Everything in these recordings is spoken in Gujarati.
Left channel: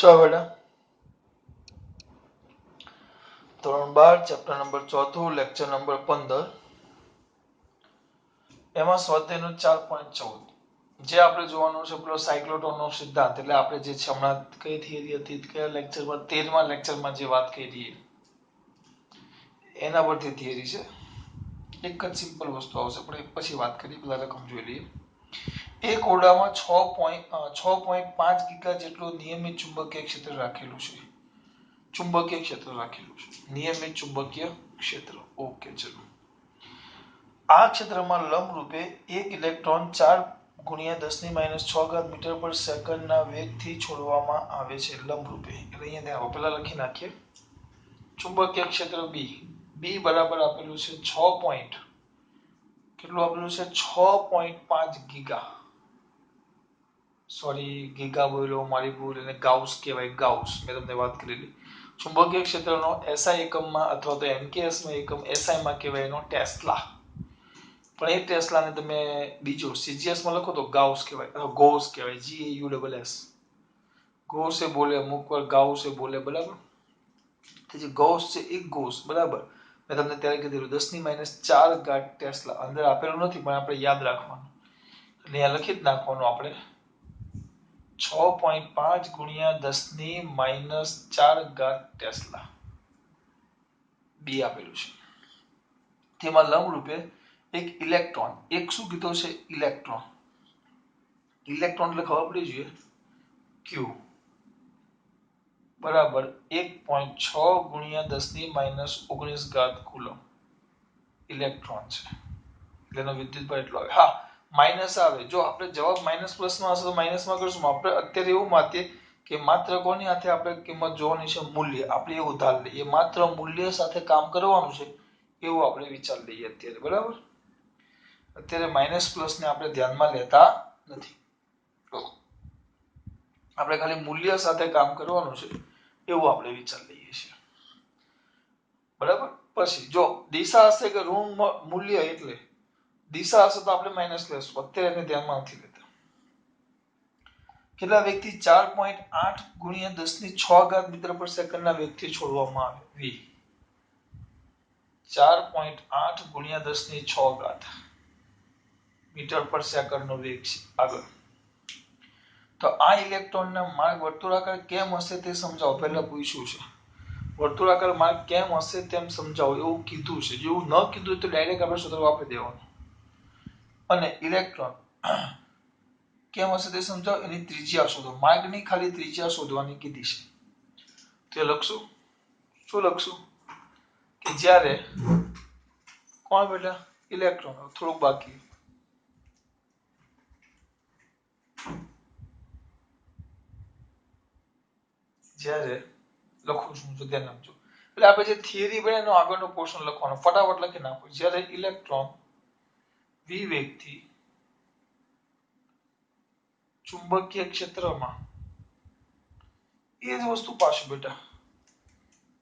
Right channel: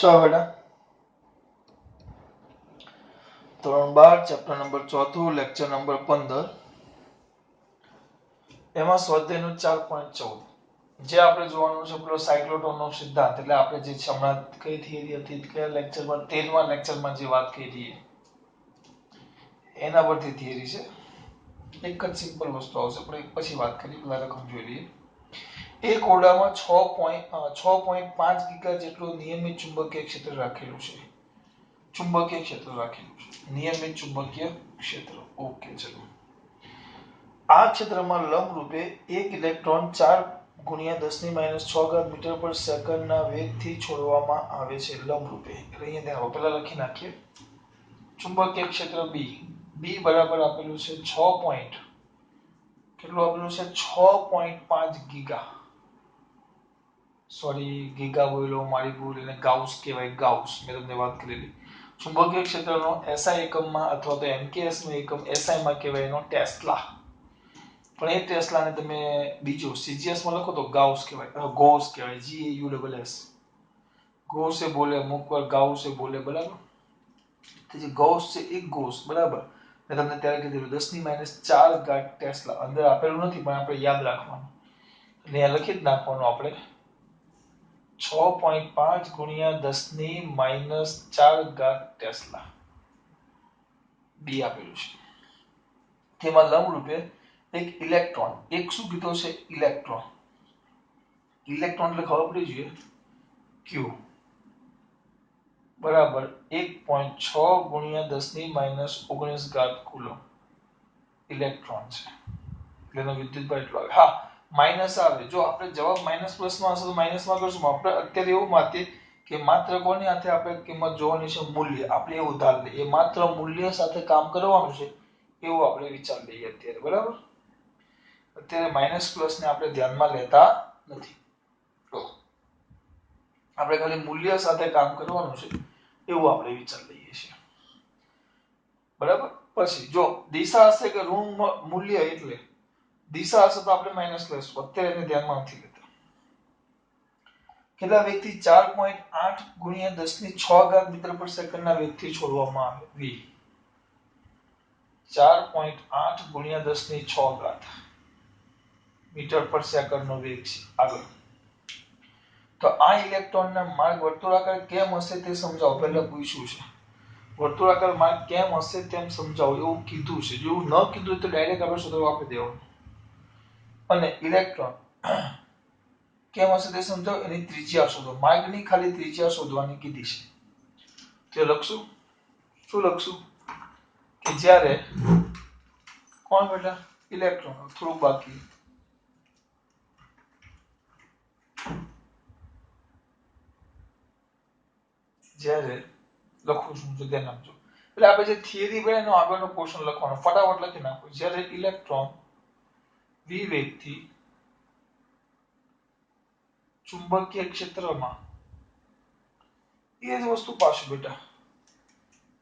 चलो बेटा ધોરણ 12 ચેપ્ટર નંબર 4 લેક્ચર નંબર 15 એમાં સ્વાધ્યાયનો 4.14 જે આપણે જોવાનું છે પેલો સાયક્લોટોનનો સિદ્ધાંત એટલે આપણે જે છે હમણાં કઈ થિયરી હતી કયા લેક્ચરમાં 13મા લેક્ચરમાં જે વાત કરી એના પરથી થિયરી છે એક જ સિમ્પલ વસ્તુ આવશે પણ એક પછી વાત કરી પહેલા રકમ જોઈ લઈએ એક ઓરડામાં 6.5 ગીગા જેટલું નિયમિત ચુંબકીય ક્ષેત્ર રાખેલું છે ચુંબકીય ક્ષેત્ર રાખેલું છે નિયમિત ચુંબકીય ક્ષેત્ર ઓકે ચલો આ ક્ષેત્રમાં લંબ રૂપે એક ઇલેક્ટ્રોન 4 ગુણ્યા 10 ની -6 ઘાત મીટર પર સેકન્ડના વેગથી છોડવામાં આવે છે લંબ રૂપે એટલે અહીંયા ધ્યાન પહેલા લખી નાખીએ ચુંબકીય ક્ષેત્ર બી બરાબર આપેલું છે 6 પોઈન્ટ કેટલું આપેલું છે 6.5 ગીગા સોરી ગીગા બોલ્યો મારી ભૂલ એને ગાઉસ કહેવાય ગાઉસ મેં તમને વાત કરેલી ચુંબકીય ક્ષેત્રનો એસઆઈ એકમમાં અથવા તો એમકેએસ નો એકમ એસઆઈ માં કહેવાય એનો ટેસ્લા પણ એ ટેસ્લાને તમે બીજો સીજીએસ માં લખો તો ગાઉસ કહેવાય ગોસ કહેવાય GAUSS ગોસે બોલે અમુક વાર ગાઉસે બોલે બરાબર તો જે ગોસ છે એક ગોસ બરાબર મેં તમને ત્યારે કીધું 10 ની -4 ઘાત ટેસ્લા અંદર આપેલું નથી પણ આપણે યાદ રાખવાનું એટલે અહીંયા લખી જ નાખવાનું આપણે 6.5 ગુણ્યા 10 ની -4 ઘાત ટેસ્લા બી આપેલું છે તેમાં લંબ રૂપે એક ઇલેક્ટ્રોન એક શું કીધો છે ઇલેક્ટ્રોન ઇલેક્ટ્રોન એટલે ખબર પડી જોઈએ ક્યુ બરાબર 1.6 ગુણ્યા 10 ની -19 ઘાત કુલમ ઇલેક્ટ્રોન છે એટલે એનો વિદ્યુતભાર એટલો આવે હા માઈનસ આવે જો આપણે જવાબ માઈનસ પ્લસ માં હશે તો માઈનસ માં કરશું આપણે અત્યારે એવું માનીએ કે માત્ર કોની સાથે આપણે કિંમત જોવાની છે મૂલ્ય આપણે એવું ધાર લઈએ માત્ર મૂલ્ય સાથે કામ કરવાનું છે એવું આપણે વિચાર લઈએ અત્યારે બરાબર અત્યારે માઈનસ પ્લસ ને આપણે ધ્યાનમાં લેતા નથી આપણે ખાલી મૂલ્ય સાથે કામ કરવાનું છે એવું આપણે વિચાર લઈએ છીએ બરાબર પછી જો દિશા હશે કે ઋણ મૂલ્ય એટલે દિશા હશે તો આપણે માઈનસ લેશું અત્યારે એને ધ્યાનમાં નથી લેતા કેટલા વેગથી 4.8 ગુણ્યા 10 ની 6 ઘાત મીટર પર સેકન્ડના વેગથી છોડવામાં આવે v 4.8 ગુણ્યા 10 ની 6 ઘાત મીટર પર સેકન્ડનો વેગ છે આગળ તો આ ઇલેક્ટ્રોનના માર્ગ વર્તુળાકાર કેમ હશે તે સમજાવો પહેલા પૂછ્યું છે વર્તુળાકાર માર્ગ કેમ હશે તેમ સમજાવો એવું કીધું છે જો ન કીધું તો ડાયરેક્ટ આપણે સૂત્ર આપી દેવાનું અને ઇલેક્ટ્રોન કેમ હશે તે સમજાવો એની ત્રિજ્યા શોધો માર્ગની ખાલી ત્રિજ્યા શોધવાની કીધી છે તે લખશું શું લખશું કે જ્યારે કોણ બેટા ઇલેક્ટ્રોન થોડું બાકી જ્યારે લખું છું તો ધ્યાન આપજો એટલે આપણે જે થિયરી બને એનો આગળનો પોર્શન લખવાનો ફટાફટ લખી નાખો જ્યારે ઇલેક્ટ્રોન v વેગથી ચુંબકીય ક્ષેત્રમાં એ જ વસ્તુ પાછું બેટા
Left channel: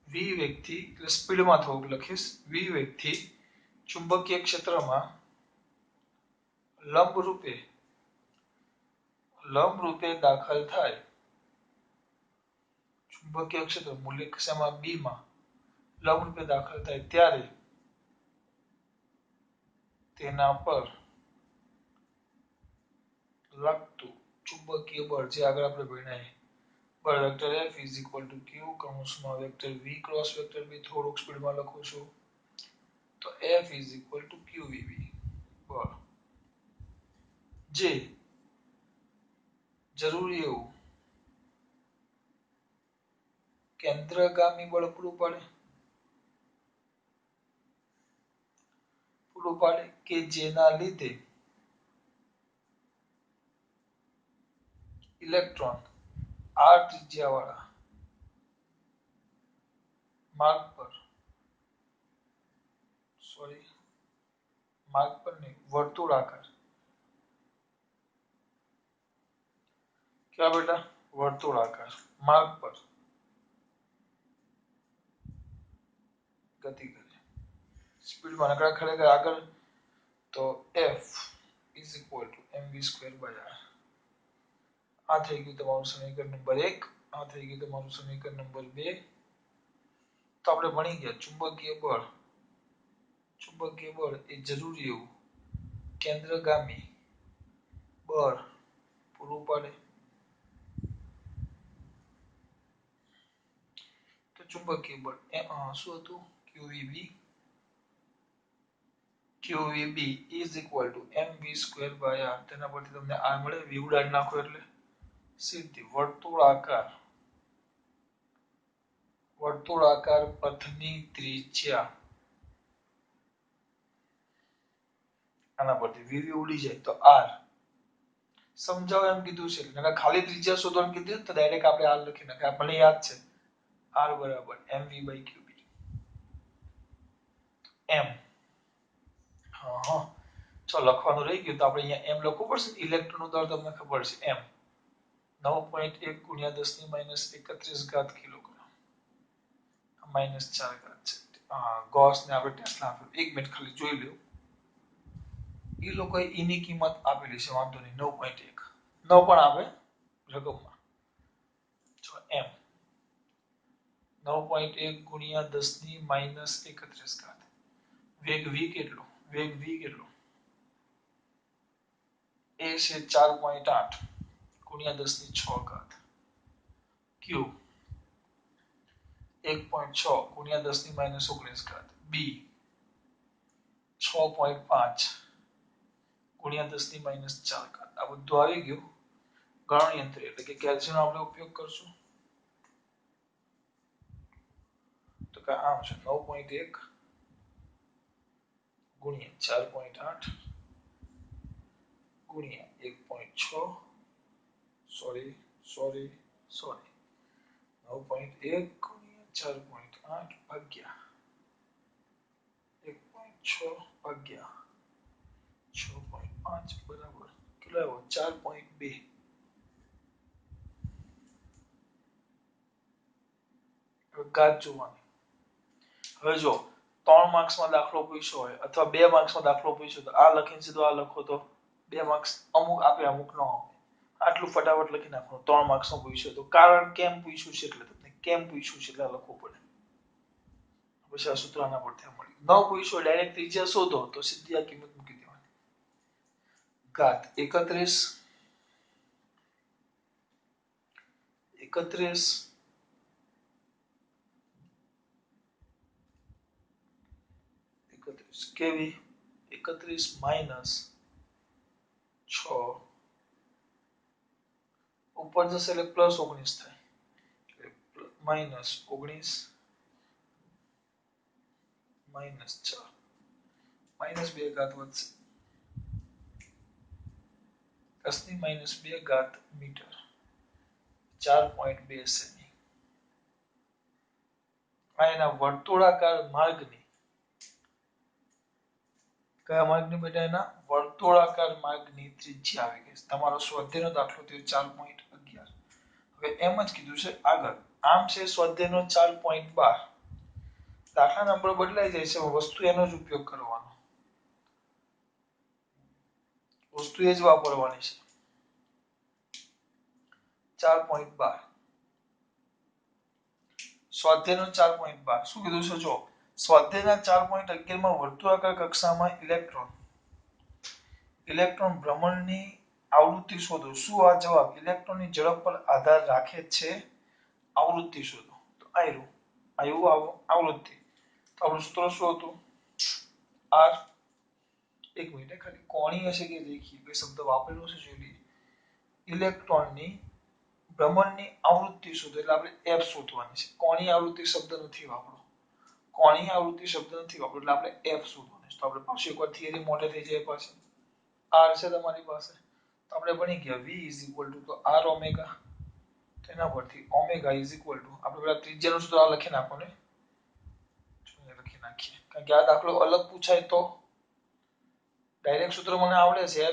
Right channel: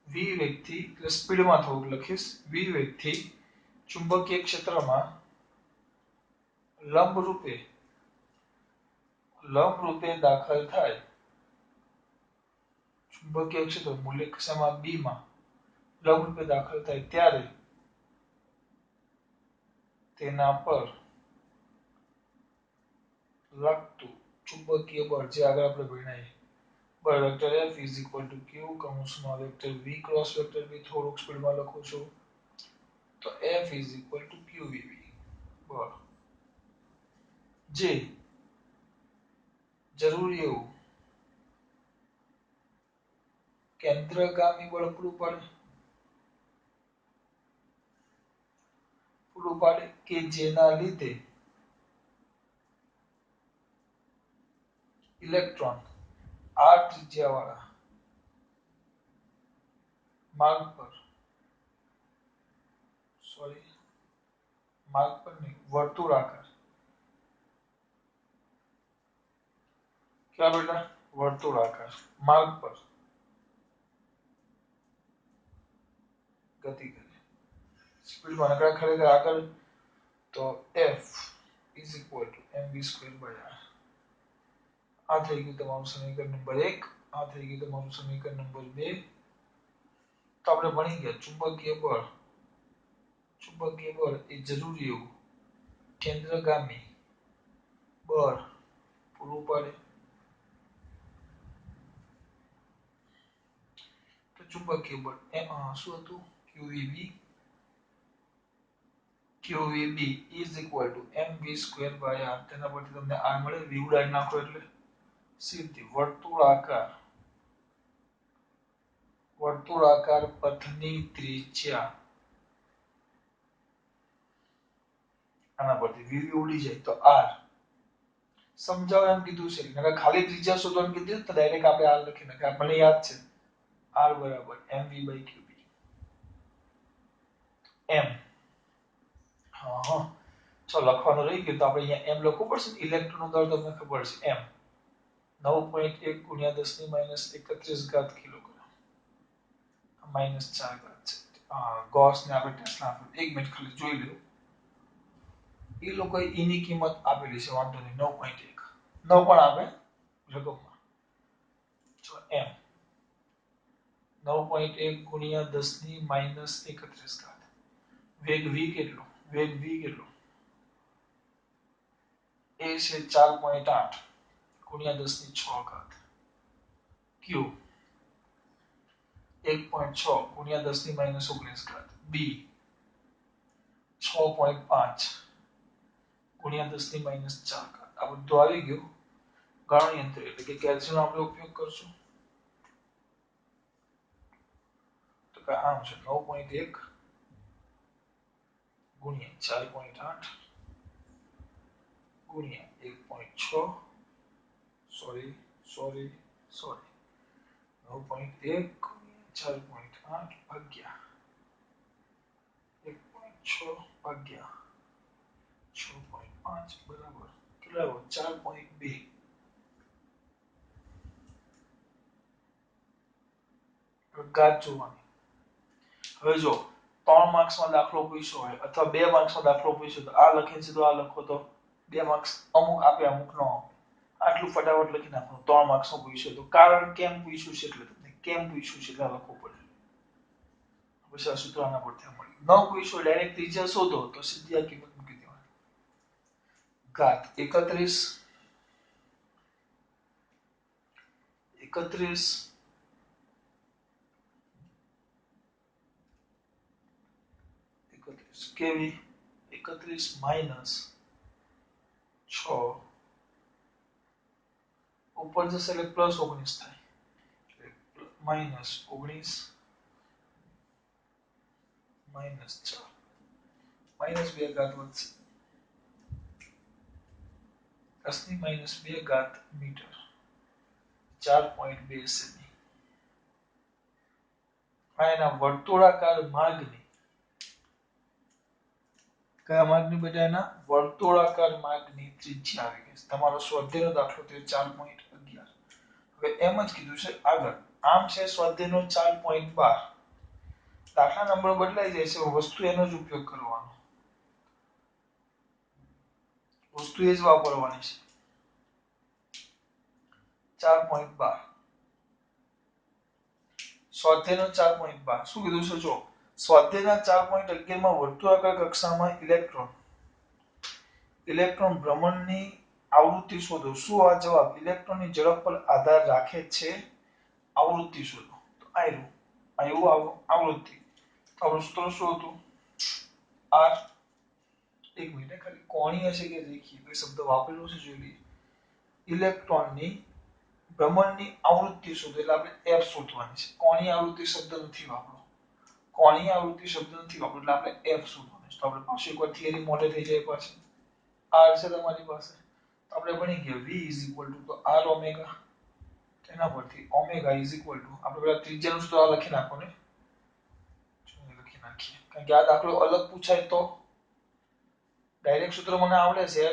v વેગથી એટલે સ્પીડમાં થોડુંક લખીશ v વેગથી ચુંબકીય ક્ષેત્રમાં લંબ રૂપે દાખલ થાય ચુંબકીય ક્ષેત્ર મૂલ્ય કક્ષામાં b માં લંબ રૂપે દાખલ થાય ત્યારે તેના પર લાગતું ચુંબકીય બળ જે આગળ આપણે ભણ્યા બળ વેક્ટર F q કૌંસમાં vector v cross vector b થોડુંક સ્પીડમાં લખું છું તો F qvb બળ જે જરૂરી એવું કેન્દ્રગામી બળ પૂરું પાડે કે જેના લીધે ઇલેક્ટ્રોન r ત્રિજ્યાવાળા માર્ગ પર નહીં વર્તુળાકાર क्या बेटा वर्तुळाकार मार्ग पर गति करे स्पीड में नकरा खड़ेगा आगे तो F mv² r आ થઈ ગયું તમારું સમીકરણ નંબર 1 આ થઈ ગયું તમારું સમીકરણ નંબર 2. તો આપણે ભણી ગયા ચુંબકીય બળ એ જરૂરી એવું કેન્દ્રગામી બળ પૂરું પાડે. તો ચુંબકીય બળ શું હતું? QVB is equal to mv square by r. તેના પરથી તમને r મળે, v ઉડાડી નાખો એટલે સીધી વર્તુળાકાર પથની ત્રિજ્યા, આના પરથી v ઉડી જાય તો r. સમજાવો એમ કીધું છે, નકર ખાલી ત્રિજ્યા શોધવાનું કીધું તો ડાયરેક્ટ આપણે r લખી નાખીએ. આપણને યાદ છે r બરાબર mv by qb. m હા ચલો લખવાનું રહી ગયું તો આપણે અહીંયા m લખવું પડશે. ઇલેક્ટ્રોનનો દર તમને ખબર છે m 9.1 ગુણ્યા 10 ની માઈનસ 31 ઘાત કિલોગ્રામ માઈનસ 4 ઘાત છે. ગોસ ને આપણે ટેસ્લા આપ્યું. 1 મિનિટ ખાલી જોઈ લો. એ લોકોએ e ની કિંમત આપેલી છે, વાંધો નહીં 9.1 9 પણ આવે રકમમાં. ચલો m 9.1 ગુણ્યા 10 ની માઈનસ 31 ઘાત. વેગ v કેટલો? વેગ v કેટલો? એ છે 4.8 ગુણ્યા 10 ની 6 ઘાત. q 1.6 ગુણ્યા 10 ની માઈનસ 19 ઘાત. b 6.5 ગુણ્યા 10 ની માઈનસ 4 ઘાત. આ બધું આવી ગયું. ગણન યંત્ર એટલે કે કેલ્ક્યુલેટર આપણે ઉપયોગ કરશું. તો કે આમ છે 9.1 ગુણ્યા 4.8 ગુણ્યા 1.6 સોરી 9.1 ગુણ્યા 4.8 ભાગ્યા 1.6 ભાગ્યા 6.5 બરાબર કેટલા આવ્યો? 4.2. ઘાત જોવાની. હવે જો 3 માર્ક્સમાં દાખલો પૂછ્યો હોય અથવા 2 માર્ક્સમાં દાખલો પૂછ્યો તો આ લખીને સીધો આ લખો તો 2 માર્ક્સ અમુક આપે અમુક ન આપે. આટલું ફટાફટ લખી નાખો. 3 માર્ક્સનો પૂછ્યો તો કારણ કેમ પૂછ્યું છે એટલે તમને કેમ પૂછ્યું છે એટલે લખવું પડે. પછી આ સૂત્ર આના પરથી મળી. ન પૂછ્યો ડાયરેક્ટ ત્રિજ્યા શોધો તો સીધી આ કિંમત મૂકી દેવાની. ઘાત 31 કેવી 31 માઈનસ 6 ઉપર જશે એટલે પ્લસ 19 થાય. માઈનસ 19 માઈનસ 4 માઈનસ 2 ઘાત વધશે 10 ની માઈનસ 2 ઘાત મીટર 4.2 સેમી. આ એના વર્તુળાકાર માર્ગની કયા માર્ગની બેટા? એના વર્તુળાકાર માર્ગની ત્રિજ્યા આવી ગઈ. તમારો સ્વાધ્યાયનો દાખલો તે 4.11. હવે એમ જ કીધું છે આગળ. આમ છે સ્વાધ્યાયનો 4.12. દાખલા નંબર બદલાઈ જાય છે, વસ્તુ એનો જ ઉપયોગ કરવાનો. વસ્તુ એ જ વાપરવાની છે. 4.12 સ્વાધ્યાયનો 4.12 શું કીધું છે જો સ્વાધ્યાયના 4.11 માં વર્તુળાકાર કક્ષામાં ઇલેક્ટ્રોન ભ્રમણની આવૃત્તિ શોધો. શું આ જવાબ ઇલેક્ટ્રોનની ઝડપ પર આધાર રાખે છે? આવૃત્તિ શોધો. તો આવ્યું આવૃત્તિ. તો આપણું સૂત્ર શું હતું? r. એક મિનિટ ખાલી કોણીય છે કે રેખીય બે શબ્દ વાપરેલો છે જોઈ લઈએ. ઇલેક્ટ્રોનની ભ્રમણની આવૃત્તિ શોધો એટલે આપણે f શોધવાની છે. કોણીય આવૃત્તિ શબ્દ નથી વાપરવો. કોણીય આવૃત્તિ શબ્દ નથી વાપરવો એટલે આપણે f શોધવાનું છે. તો આપણે પાછું એકવાર થિયરી મોઢે થઈ જાય પાછું. r છે તમારી પાસે તો આપણે ભણી ગયા v તો r ઓમેગા. તેના પરથી ઓમેગા આપણે પેલા ત્રિજ્યાનું સૂત્ર લખી નાખો ને. લખી નાખીએ કારણ કે આ દાખલો અલગ પૂછાય તો ડાયરેક્ટ સૂત્ર મને આવડે છે f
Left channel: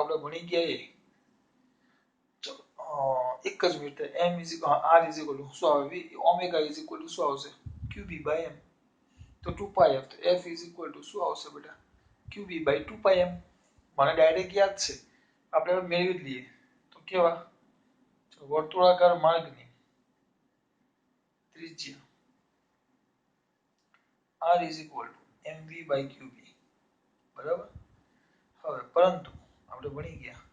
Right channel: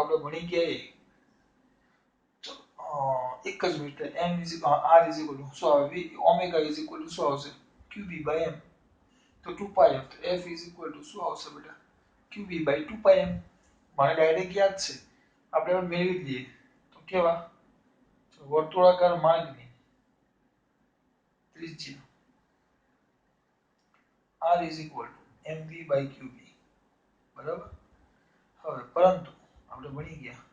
આપણે ભણી ગયા એક જ મિનિટ m r શું આવે v ઓમેગા શું આવશે qb by m તો 2πf તો f શું આવશે બેટા qb by 2πm. મને ડાયરેક્ટ યાદ છે આપણે મેળવી લઈએ તો કેવા વર્તુળાકાર માર્ગની ત્રિજ્યા r is equal to mv by qb, બરાબર. હવે પરંતુ આપણે ભણી ગયા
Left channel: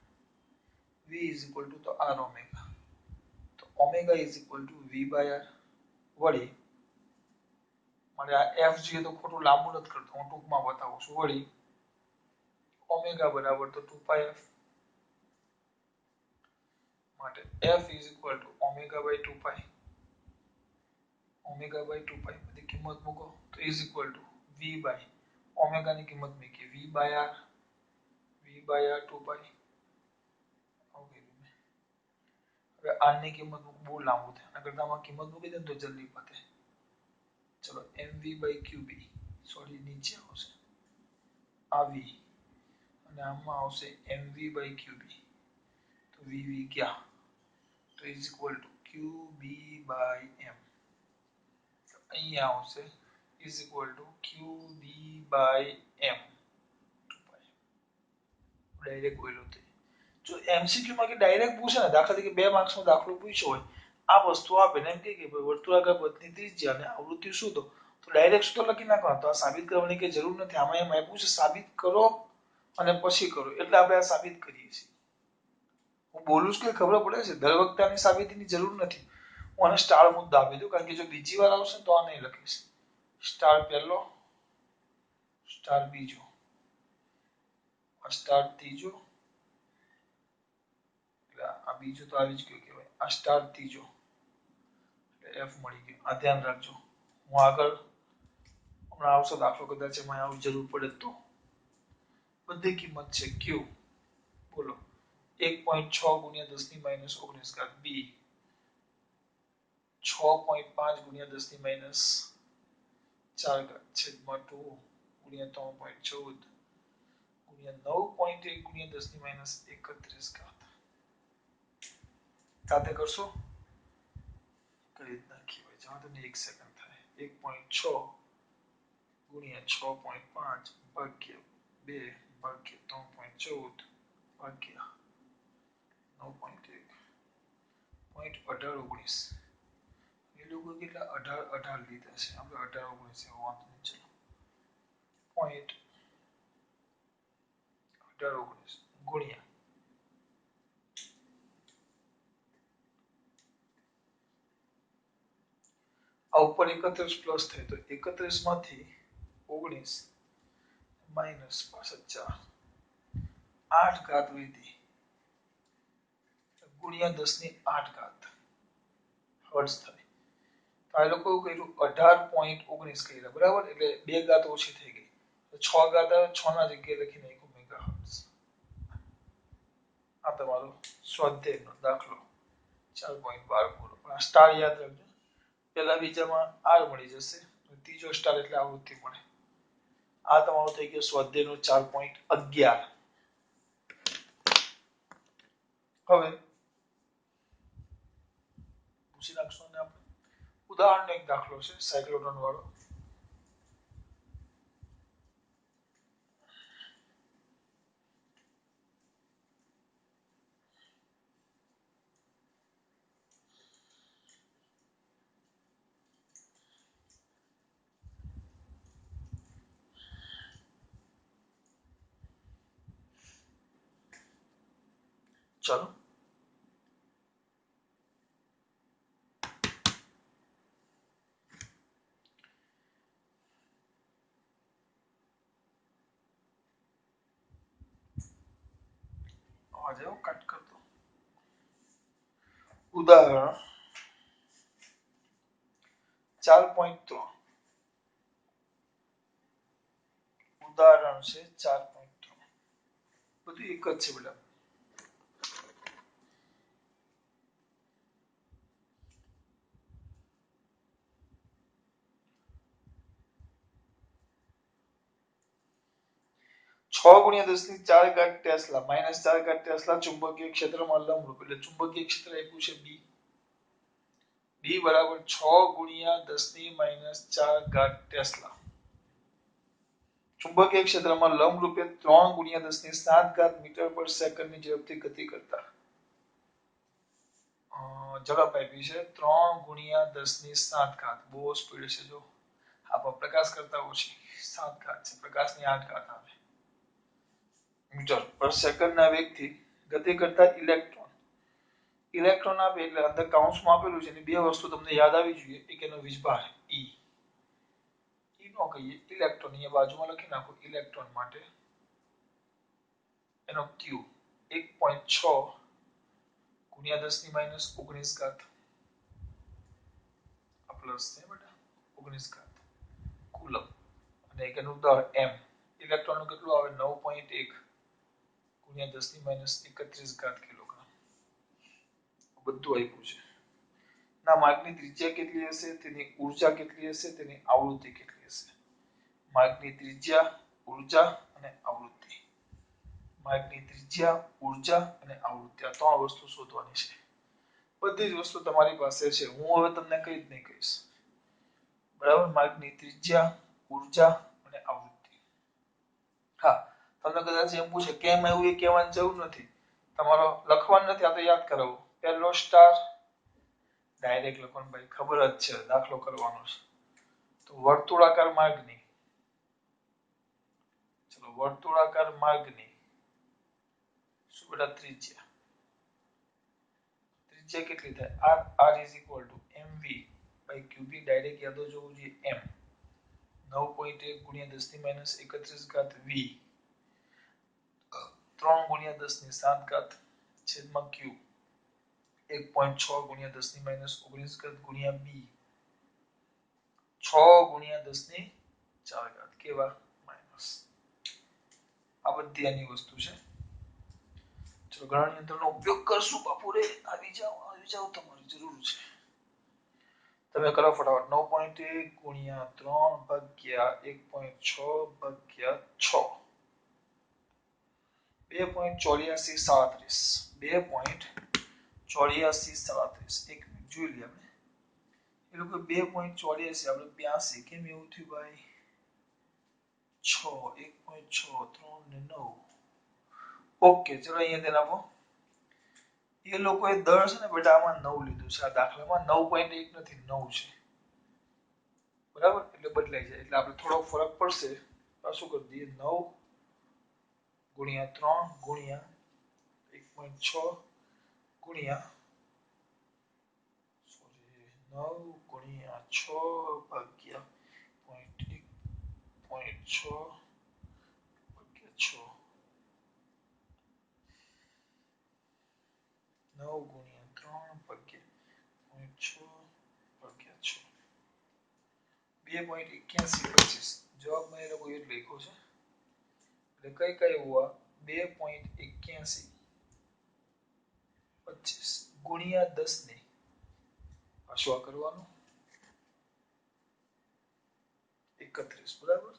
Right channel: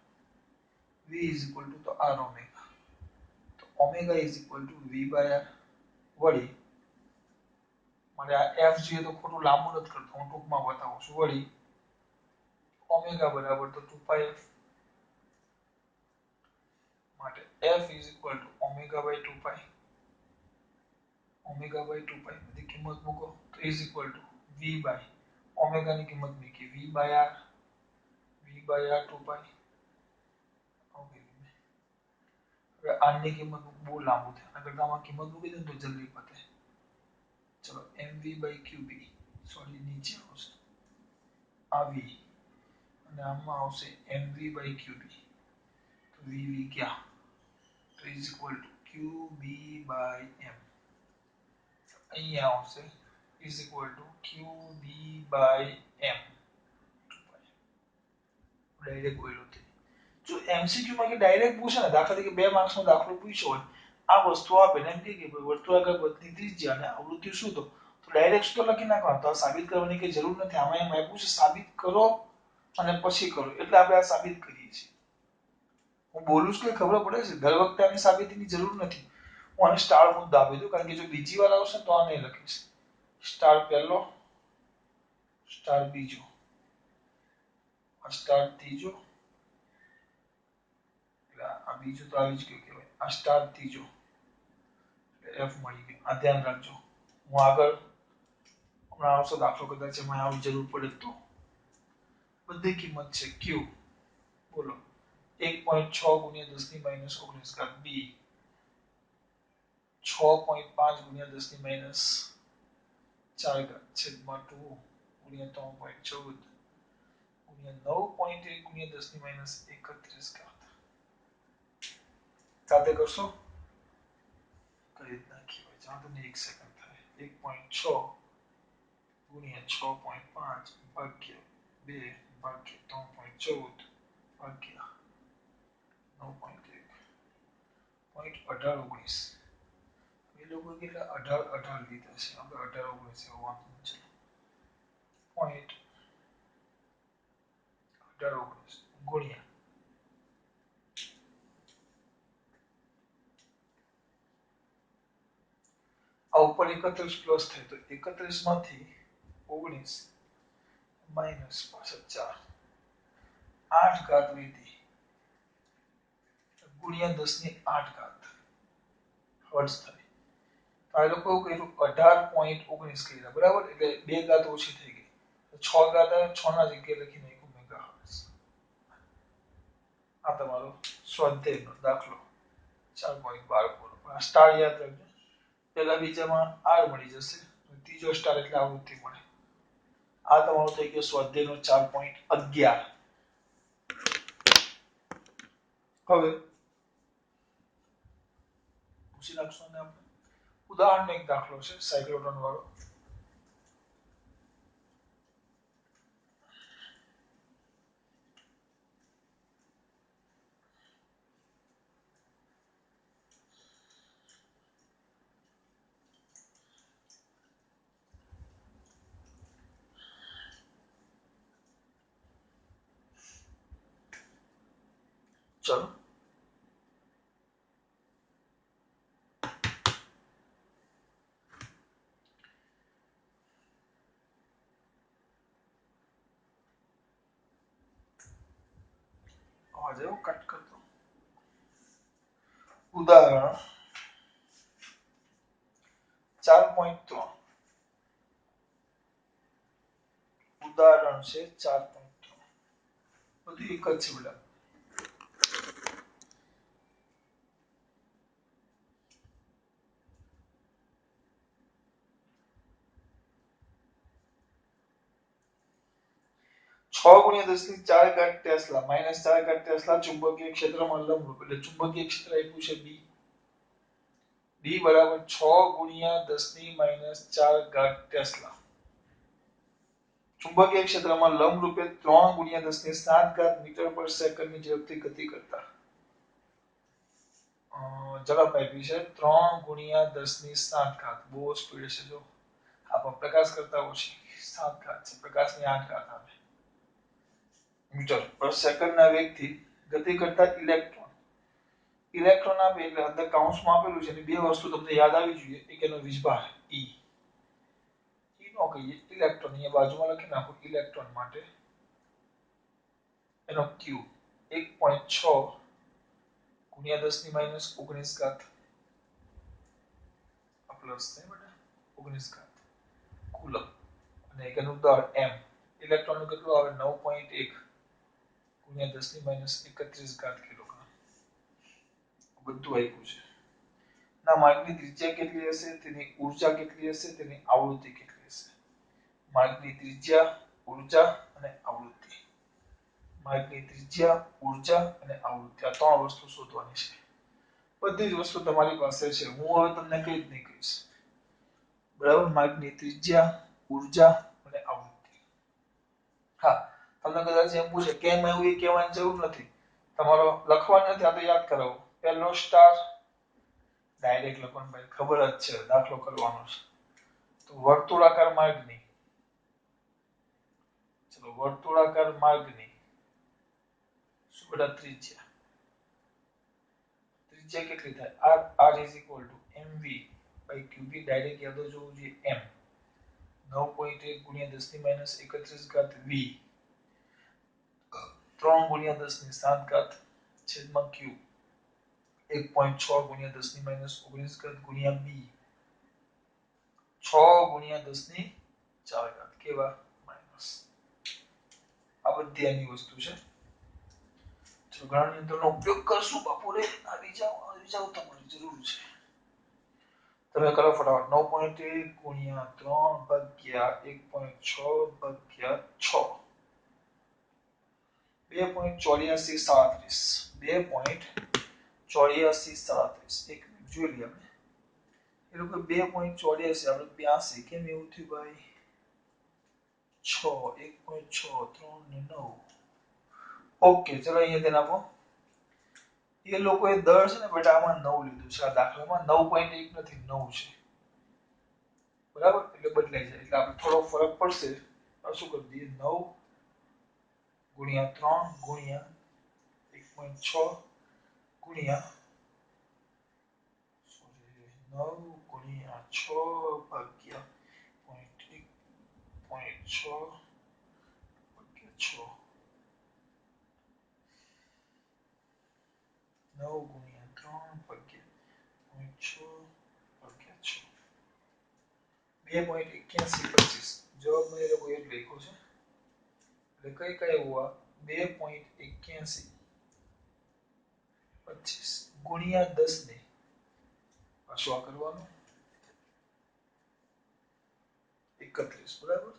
v is equal to તો r ઓમેગા, તો omega is equal to v by r. વળી મારે આ f જોઈએ તો ખોટું લાંબુ નથી કરતો, હું ટૂંકમાં બતાવું છું. વળી ઓમેગા બરાબર તો 2πf, માટે f is equal to omega by 2π, omega by 2π બધી કિંમત મૂકો તો is equal to v by omega ની કિંમત મૂકી v by r 2π. ઓકે, હવે r ની કિંમત બહુ લાંબુ થાય, અગર આમાં કિંમત મૂકી દે તો જલ્દી પતે. ચલો mv by qb, સોરી નીચે આવશે આ v અને આમાં આવશે mv by qb, તો vv ક્યાં, તો is equal to qb by m. અહીંયા આવશે is equal to qb by m. Direct બોલ્યો તે જો એમસીક્યુ માં કે ડાયરેક્ટ પૂછે ને, દાખલા તરીકે 2 માર્ક્સ નો દાખલો પૂછ્યો હોય, આ વસ્તુ આપે ને એમ કે વર્તુળાકાર પથની ત્રિજ્યા અને આવૃત્તિ શોધો, તો ડાયરેક્ટ શું તો લખી નાખવાનું, તો આ સાબિત કરવાની કે જરૂર નથી. આમાં એમ આપ્યું છે સાબિત કરો અને પછી કરો, એટલે આપણે આ સાબિત કરીએ છીએ. હું બોલું છું કે ખબર પડે છે, દર વખતે આની સાબિતીની જરૂર નથી. હું આને સ્ટાર મુદ્દો આપી દઉં, કારણ કે જો બીજી વાર આવશે તો આ નહીં લખીશ. સ્ટાર પહેલો, સ્ટાર બીજો, સ્ટાર ત્રીજો, આ બીજો તો આવી જ ગયો કહેવાય, આ સ્ટાર ત્રીજો એટલે f મળી ગયો. આ ધ્યાન રાખજો, હું આગળ હમણાં આવશે દાખલો, કદાચ એમાં આવી જરૂર પડે તો. બધી કિંમત છે q, બોલો 1.6 ગુણ્યા 10 ની માઈનસ 19 ઘાત b, 6.5 ગુણ્યા 10 ની માઈનસ 4 ઘાત છેદમાં 2 ગુણ્યા 3.14 ગુણ્યા 9.1 ગુણ્યા 10 ની માઈનસ 31 ઘાત. સાથે કરશો કઈ રીતના કહેવાય, ચાલો તમને 1 સેકન્ડ થાય. 1.6 ગુણ્યા 6.5 ભાગ્યા 2 ભાગ્યા 3.14 ભાગ્યા 9.1 .1819. એ લોકો કેટલા 18 લીધા છે, આપણે 18 19 વાંધો નહીં. ચલો 18 ગુણ્યા આ ઉપર 31 પ્લસ થાય તો 31 માંથી 19 માઈનસ પાછળ 4, 8 ઘાત લીધી ગુણ્યા 10 ની 8 ઘાત હર્ટ્ઝ થાય. તો આ લોકો કર્યું 18.19 કર્યા, બરાબર, એટલે 2 ઘાત ઓછી થઈ ગઈ, તો 6 ઘાત આવે, 6 ના જગ્યાએ લખી નાખ્યું મેગા હર્ટ્ઝ. આ તમારો સ્વાધ્યાયનો દાખલો 4.12 પૂરો. આ સ્ટાર યાદ રાખજો, પહેલા બીજામાં r મળી જશે, ત્રીજો સ્ટાર એટલે આવૃત્તિ મળે. આ તમારો થઈ ગયો સ્વાધ્યાયનો 4.11. હવે પૂછી નાખશો ને આપણે ઉદાહરણનો એક દાખલો છે સાયક્લોટ્રોન વાળો. ચલો અવાજ આવ્યો, કટ કરતો. ઉદાહરણ 4.3, ઉદાહરણ છે 4.3. બધું એક જ છે બેટા. છ ગુણ્યા 10 ની 4 ઘાત ટેસ્લા માઈનસ 4 ઘાત ટેસ્લા ચુંબકીય ક્ષેત્રમાં લંબરૂપ, એટલે ચુંબકીય ક્ષેત્ર આપ્યું છે બી. બી બરાબર 6 ગુણ્યા 10 ની માઈનસ 4 ઘાત ટેસ્લા. ચુંબકીય ક્ષેત્રમાં લંબરૂપે 3 ગુણ્યા 10 ની 7 ઘાત મીટર પર સેકન્ડ ની ઝડપથી ગતિ કરતા ઝડપ આપી છે 3 ગુણ્યા 10 ની 7 ઘાત. બહુ સ્પીડ છે જો. આ પણ પ્રકાશ કરતા ઓછી 7 ઘાત છે, પ્રકાશની 8 ઘાત આવે મીટર પર સેકન્ડના વેગથી ગતિ કરતા ઇલેક્ટ્રોન આપે એટલે અંદર કાઉન્સમાં આપેલું છે. બે વસ્તુ તમને યાદ આવી જોઈએ. એક એનો વીજભાર E, નો કહીએ ઇલેક્ટ્રોન, અહીંયા બાજુમાં લખી નાખો ઇલેક્ટ્રોન માટે એનો Q 1.6 ગુણ્યા 10 ની માઈનસ 19 ઘાત આ પ્લસ છે બેટા 19 ઘાત કુલમ. અને એક એનું દળ m, ઇલેક્ટ્રોનનું કેટલું આવે 9.1 ગુણ્યા 10 ની માઈનસ 31 ઘાત કિલોગ્રામ. બધું આપ્યું છે. ના માર્ગની ત્રિજ્યા કેટલી હશે, તેની ઊર્જા કેટલી હશે, તેની આવૃત્તિ કેટલી હશે. માર્ગની ત્રિજ્યા, ઊર્જા અને આવૃત્તિ. માર્ગની ત્રિજ્યા, ઊર્જા અને આવૃત્તિ આ ત્રણ વસ્તુ શોધવાની છે. બધી જ વસ્તુ તમારી પાસે છે. હું હવે તમને કઈ જ નહીં કહીશ. બરાબર, માર્ગની ત્રિજ્યા, ઊર્જા અને આવૃત્તિ. હા, તમને કદાચ એમ પૂછે કેમ આવ્યું એ કહેવાની જરૂર નથી. તમારો લખવાનું નથી, આ તો યાદ કરાવો. પહેલો સ્ટાર ડાયરેક્ટ લખવાનું ભાઈ, ખબર જ છે, દાખલો કરવાનો છે. તો વર્તુળાકાર માર્ગની, ચલો વર્તુળાકાર માર્ગની શું બેટા ત્રિજ્યા. ત્રિજ્યા કેટલી થાય? r is equal to mv by qb. Direct યાદ જ હોવું જોઈએ m. 9.1 ગુણ્યા 10 ની માઈનસ 31 ઘાત v 3 ગુણ્યા 10 ની 7 ઘાત છેદમાં q 1.6 ગુણ્યા 10 ની માઈનસ 19 ઘાત ગુણ્યા b 6 ગુણ્યા 10 ની 4 ઘાત કેવા માઈનસ. આ બધી આની વસ્તુ છે. ચલો ગણન યંત્રનો ઉપયોગ કરશું બાપુ રે. આવી જાવ તમારી જરૂર છે. તમે કરો ફટાફટ. 9.1 ગુણ્યા 3 ભાગ્યા 1.6 ભાગ્યા 6 2.8437 2.8437 એક મિનિટ જોઈ લઈએ આપણે. એ લોકો 2.84 આપણે 82 કેમ એવું થયું ભાઈ? 6 1.6 3 ને 9. ઓકે ચલો અહીંયા ધ્યાન આપો. એ લોકોએ દર છે ને બેટા આમાં 9 લીધું છે. આ દાખલામાં 9.1 નથી 9 છે. બરાબર, એટલે બદલાઈ જાય. એટલે આપણે થોડો ફરક પડશે તો શું કરી દઈએ 9 ગુણ્યા 3 ગુણ્યા 1.6 ગુણ્યા 9 ગુણ્યા 6 ભાગ્યા 0.6 ભાગ્યા 6 9 ગુણ્યા 3 ભાગ્યા 0.6 ભાગ્યા 6 2.8125. જવાબ મેં એ લોકોએ લખ્યો છે. એટલે કઈ કઈ હુઆ 2.8125 ગુણ્યા 10 ને પાછું આ કરવાનું 31 બરાબર.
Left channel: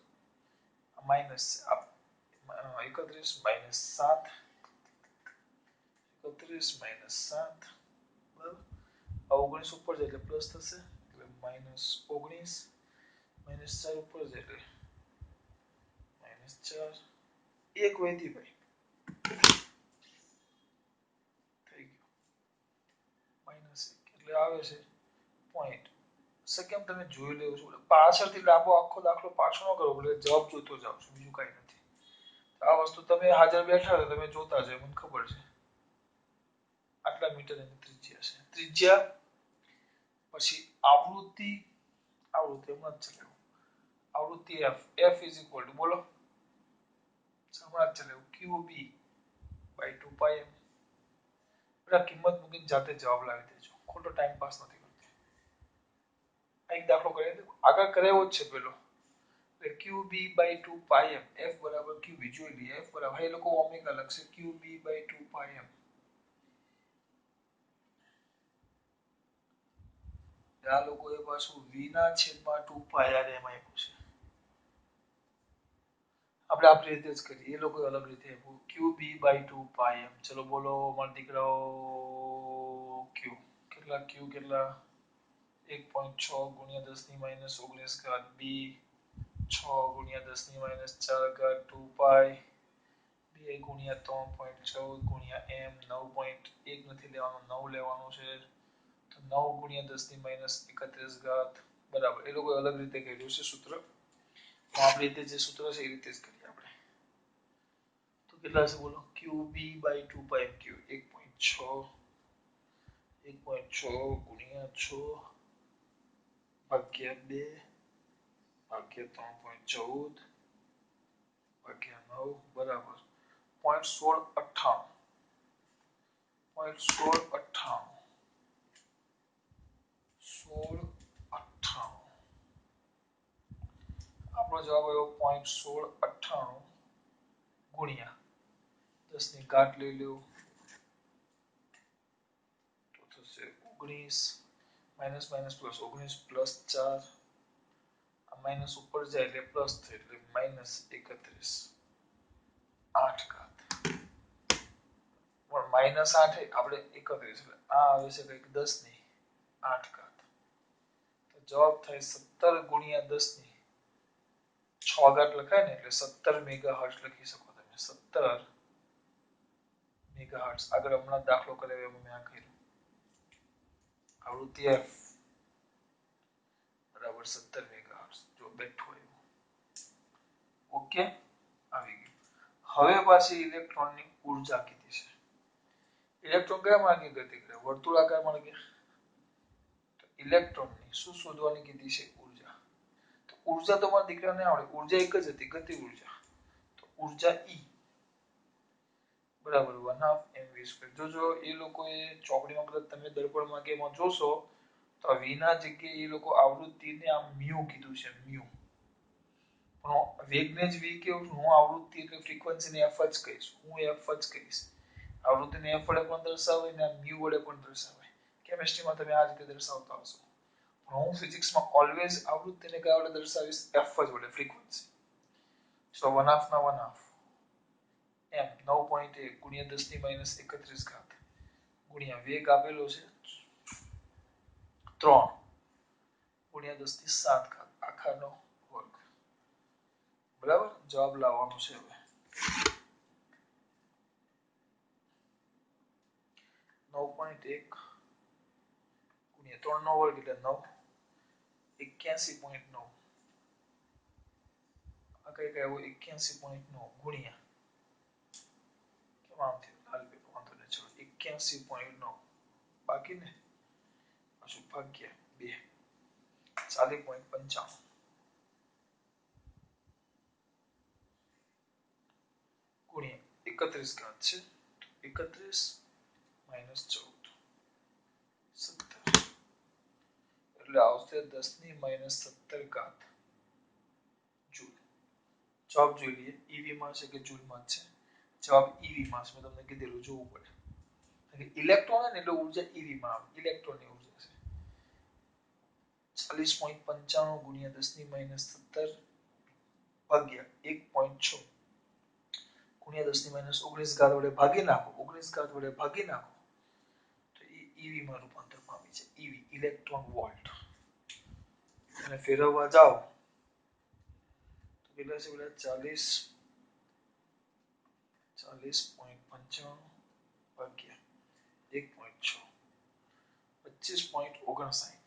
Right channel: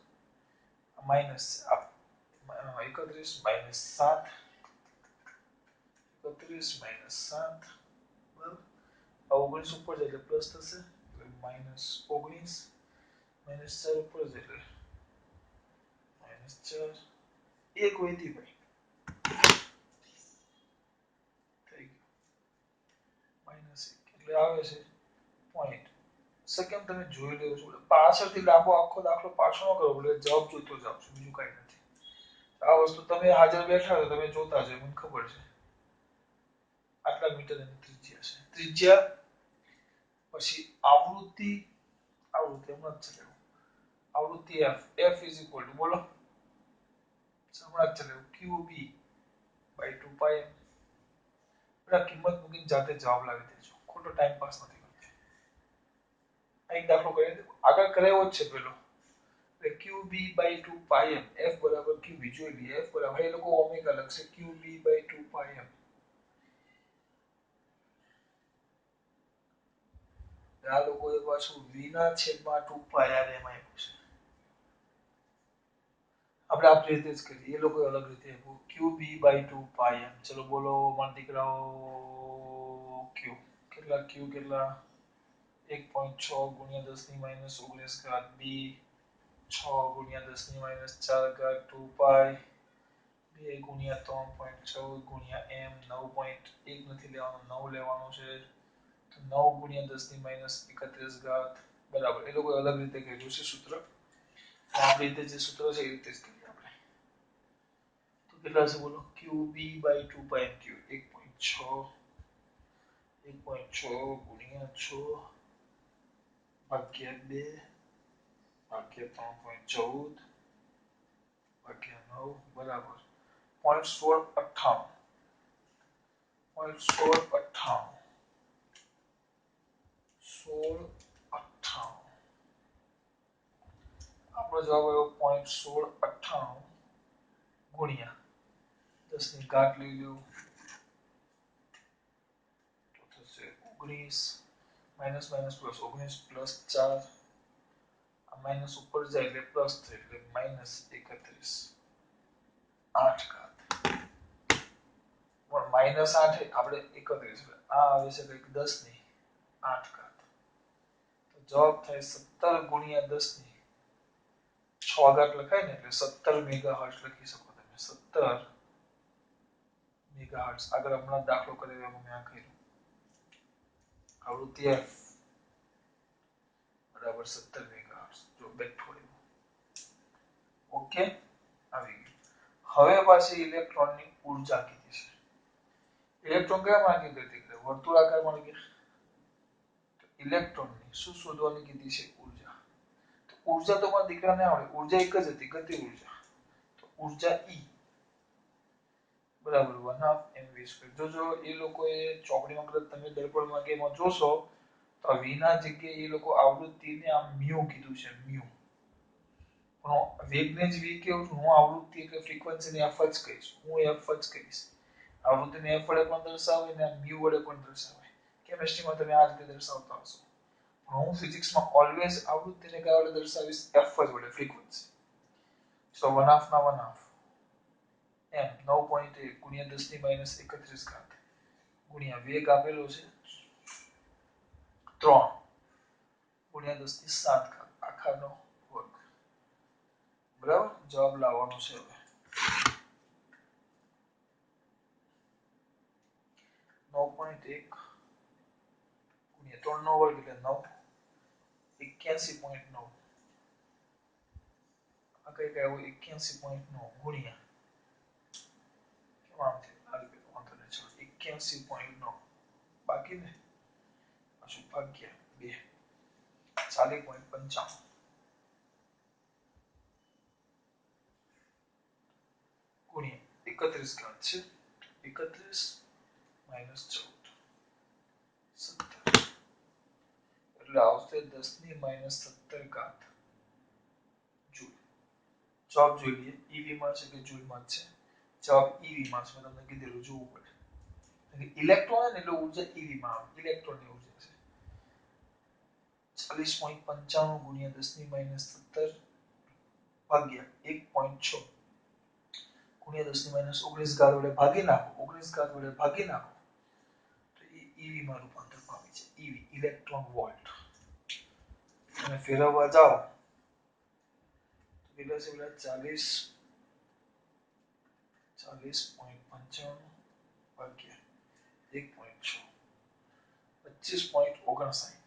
માઈનસ 31 માઈનસ 7 31 માઈનસ 7 બરાબર. આ 19 ઉપર જાય એટલે પ્લસ થશે એટલે માઈનસ 19 માઈનસ 4 ઉપર જાય એટલે માઈનસ 4 એક વધી ભાઈ થઈ ગયું માઈનસ 1 એટલે આવે છે પોઈન્ટ. સેકન્ડ તમે જોઈ લેવો છો. પાછળથી લાંબો આખો દાખલો પાછો ન કરો એટલે જવાબ જોતો જાવ છો, બીજું કઈ નથી. આ વસ્તુ તમે હાજર બેઠા છો તમે જોતા જ મને ખબર છે. આટલા મીટર એની ત્રિજ્યા છે. ત્રિજ્યા પછી આવૃત્તિ, આવૃત્તિ એમ જ છે. આવૃત્તિ f is equal to બોલો સમાજ ચલે qb by 2 pi m. બરાબર, કિંમત મૂકીને જાતે જવાબ લાવી દેજો, ખોટો ટાઈમ પાસ નથી કરતી. એક દાખલો કરી દો, આગળ કરેવો જ છે પેલો. qb by 2 pi m f બરાબર qb જોઈ લઈએ. f બરાબર એ લોકો ઓમેગા લખશે qb by 2 pi m. આ લોકોએ પાછું v ના છેદમાં 2 pi r m આપ્યું છે. આપણે આપણી રીતે જ કરીએ, એ લોકો અલગ રીતે આપ્યું qb by 2 pi m. ચલો બોલો મારા દીકરાઓ q કેટલા q કેટલા 1.6 ગુણ્યા 10 ની માઈનસ 19 ઘાત b 6 ગુણ્યા 10 ની માઈનસ 4 ઘાત 2 pi 2 ગુણ્યા 3.14 ગુણ્યા m 9.1 નથી લેવાનો 9 લેવાનો છે 9 ગુણ્યા 10 ની -31 ઘાત બરાબર એ લોકો અલગ રીતે કર્યું છે સૂત્ર આપણી રીતે જે સૂત્ર છે એ રીતે જ કરીએ આપણે તો કેટલા છે બોલો qb / 2πq 1.6 ગુણ્યા 6 ભાગ્યા 2 ભાગ્યા 3.14 ભાગ્યા 9 બરાબર 0.1698 આપણો જવાબ આવ્યો 0.1698 ગુણ્યા 10 ની ઘાત લઈ લો તો થશે 19 માઇનસ માઇનસ પ્લસ 19 પ્લસ 4 આ માઇનસ ઉપર જાય એટલે પ્લસ થાય એટલે -31 8 ઘાત પણ -8 આપણે 31 એટલે આ આવે છે કંઈક 10 ની 8 ઘાત તો જવાબ થાય 17 ગુણ્યા 10 ની 6 ઘાત લખાય ને એટલે 17 મેગાહર્ટ્ઝ લખી શકો તમે 17 મેગાહર્ટ્ઝ આગળ હમણાં દાખલો કરાવ્યો મેં આ કર્યું આવૃત્તિ f બરાબર 17 મેગાહર્ટ્ઝ જો બેઠો આવ્યું ઓકે આવી ગયું હવે પાછી ઇલેક્ટ્રોનની ઊર્જા કીધી છે ઇલેક્ટ્રોન કયા માર્ગે ગતિ કરે વર્તુળાકાર માર્ગે તો ઇલેક્ટ્રોનની શું શોધવાની કીધી છે ઊર્જા તો ઊર્જા તો મારા દીકરાને આવડે ઊર્જા એક જ હતી ગતિ ઊર્જા તો ઊર્જા E બરાબર 1/2 mv2 જો એ લોકોએ ચોકડીમાં કદાચ તમે દર્પણમાં કે એમાં જોશો તો v ના જગ્યાએ એ લોકો આવૃત્તિને આમ મ્યુ કીધું છે મ્યુ વેગને જ v કેવું હું આવૃત્તિ એટલે ફ્રીક્વન્સીને f જ કહીશ હું f જ કહીશ આવૃત્તિને f વડે પણ દર્શાવાય ને મ્યુ વડે પણ દર્શાવાય કેમિસ્ટ્રીમાં તમે આ રીતે દર્શાવતા હશો હું ફિઝિક્સમાં ઓલવેઝ આવૃત્તિને કયા વડે દર્શાવીશ f જ વડે ફ્રીક્વન્સી સો 1/2 ના 1/2 એમ 9.1 ગુણ્યા 10 ની -31 ઘાત ગુણ્યા વેગ આપેલો છે 3 ગુણ્યા 10 ની 7 ઘાત આખાનો વર્ગ બરાબર જવાબ લાવવાનો છે હવે 9.1 ગુણ્યા 3 નો વર્ગ એટલે 9 81.9 આ કઈ કઈ આવું 81.9 ગુણ્યા કેમ આમ થયું હાલ પેલો વાંધો ને ચલો 81.9 બાકી ને પાછું ભાગ્યા 2 40.55 ગુણ્યા 31 ઘાત છે 31 -14 17 એટલે આવશે 10 ની -17 ઘાત જૂલ જવાબ જોઈ લઈએ ઈવી માં છે કે જૂલમાં છે જવાબ ઈવી માં છે મેં તમને કીધેલું જોવું પડે ઇલેક્ટ્રોન ને એટલે ઊર્જા ઈવી માં આવે ઇલેક્ટ્રોનની ઊર્જા છે 40.95 ગુણ્યા 10 ની -17 ભાગ્યા 1.6 ગુણ્યા 10 ની -19 ઘાત વડે ભાગી નાખો 19 ઘાત વડે ભાગી નાખો તો એ ઈવી માં રૂપાંતર પામી છે ઈવી ઇલેક્ટ્રોન વોલ્ટ અને ફેરવવા જાઓ તો કેટલા છે બેટા 40.95 ભાગ્યા 1.6 25.59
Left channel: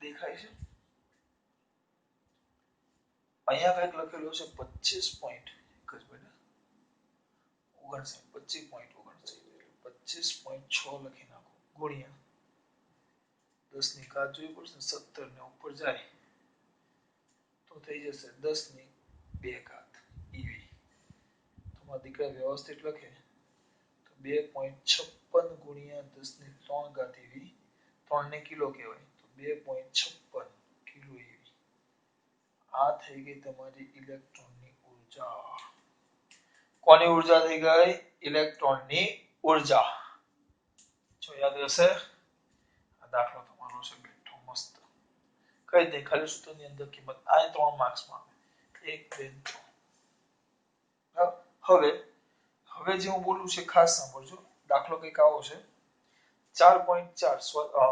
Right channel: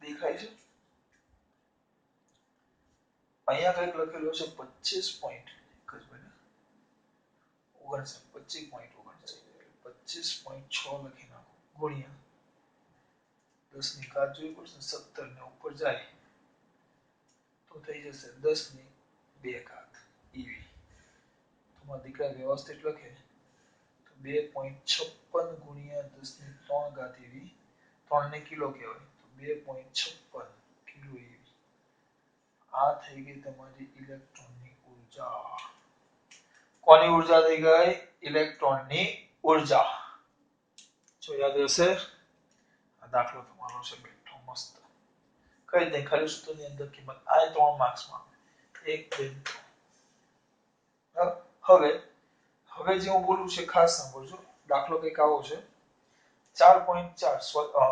દેખાય છે અહીંયા કંઈક લખેલું છે 25 પોઈન્ટ એક જ બેટા 25.59 લખી નાખો ગુણ્યા 10 ની ઘાત જોઈ પડશે 17 ને ઉપર જાય તો થઈ જશે 10 ની 2 ઘાત ઈવી તમારા દીકરા વ્યવસ્થિત લખે તો 2.56 ગુણ્યા 10 ની 3 ઘાત ઈવી 3 ને કિલો કહેવાય તો 2.56 કિલો ઈવી આ થઈ ગઈ તમારી ઇલેક્ટ્રોનની ઊર્જા કોની ઊર્જા થઈ ગઈ ઇલેક્ટ્રોનની ઊર્જા જો યાદ રહેશે આ દાખલો તમારો છે બેઠો મસ્ત કઈ દે ખાલી સૂત્રની અંદર કિંમત આ 3 માર્ક્સમાં 1 2 હવે જે હું બોલું છે ખાસ સાંભળજો દાખલો કંઈક આવો છે 4.4